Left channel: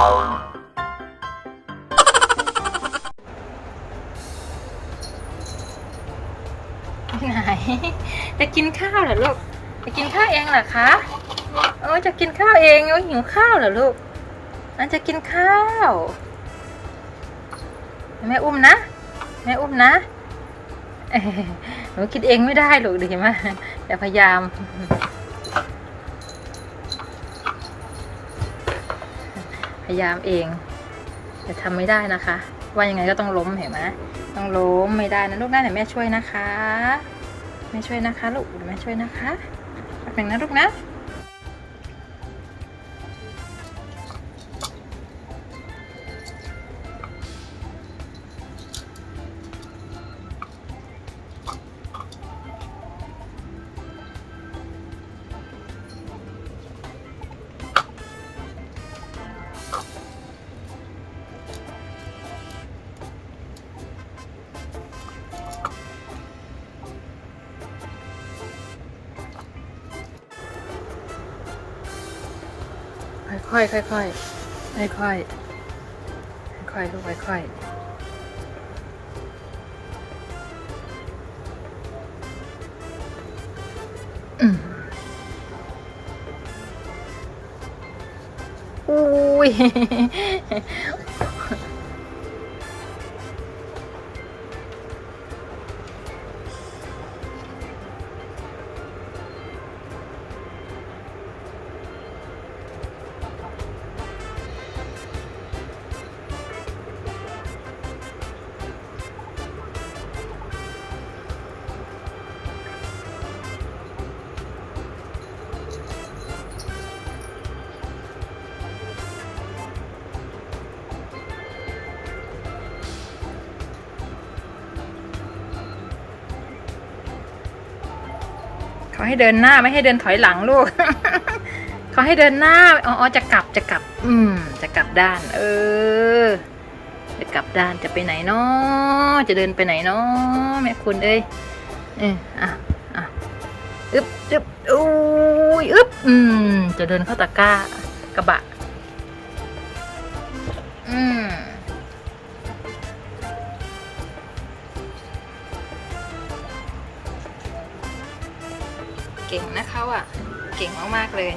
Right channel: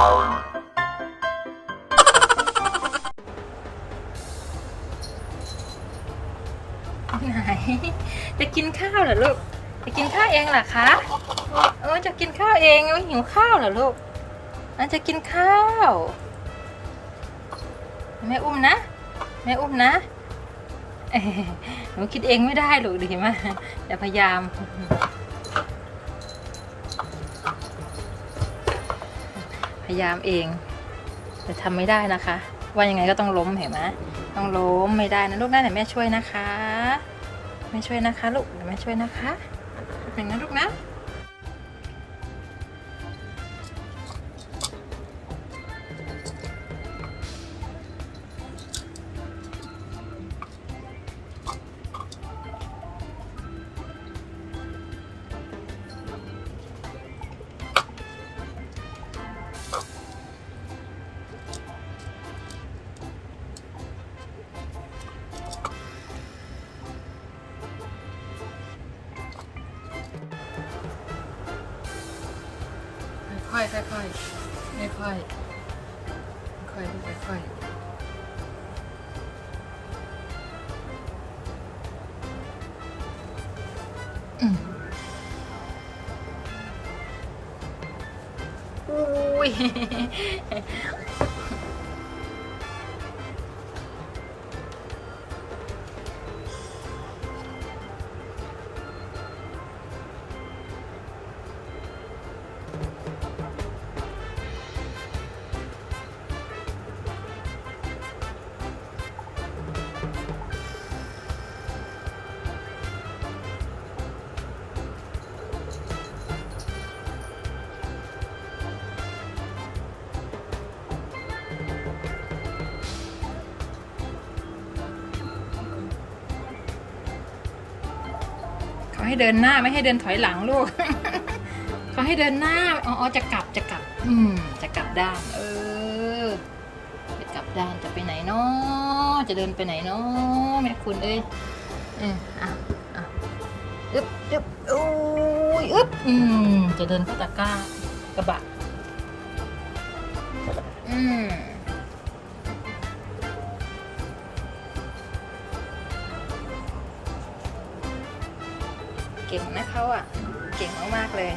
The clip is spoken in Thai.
ไหน จะกินข้าวเหรอลูก จะกินข้าวเองเหรอคะโอ้จะกินข้าวเองโอ้หิวข้าวเหรอลูกอันจะกินข้าวแม่อุ้มนะแม่อุ้มนะหนูคิดเองไม่ได้หรอกดีมากแต่พยายาม ยายามเอง แต่ทำไม่ได้นะคะ ว่ายังไงก็ต้องล้มเห็นไหมต้องล้มไม่ได้นะลูกนะเดี๋ยวแม่ช่วยนะคะแม่ช่วยนะคะลูกเดี๋ยวแม่ช่วยนะคะแบ่งนะลูกนะ ค่อยค่อยค่อยๆค่อยค่อยๆลูกค่อยค่อยอุ้ย เขาให้เดินหน้าไม่ให้เดินถอยหลังลูก เขาให้เดินหน้า อ๋ออจะกลับจะกลับ อืม จะกลับด้าน เออ จะกลับด้านจะไปไหนเนาะจะเดินไปไหนเนาะแม่คุณเอ้ยเอออะอะอึบอึบอุ้ยอึบอืม จะเดินเข้าตะกร้ากระบะ อืม เก่งนะเขาอะ เก่งมากๆเลย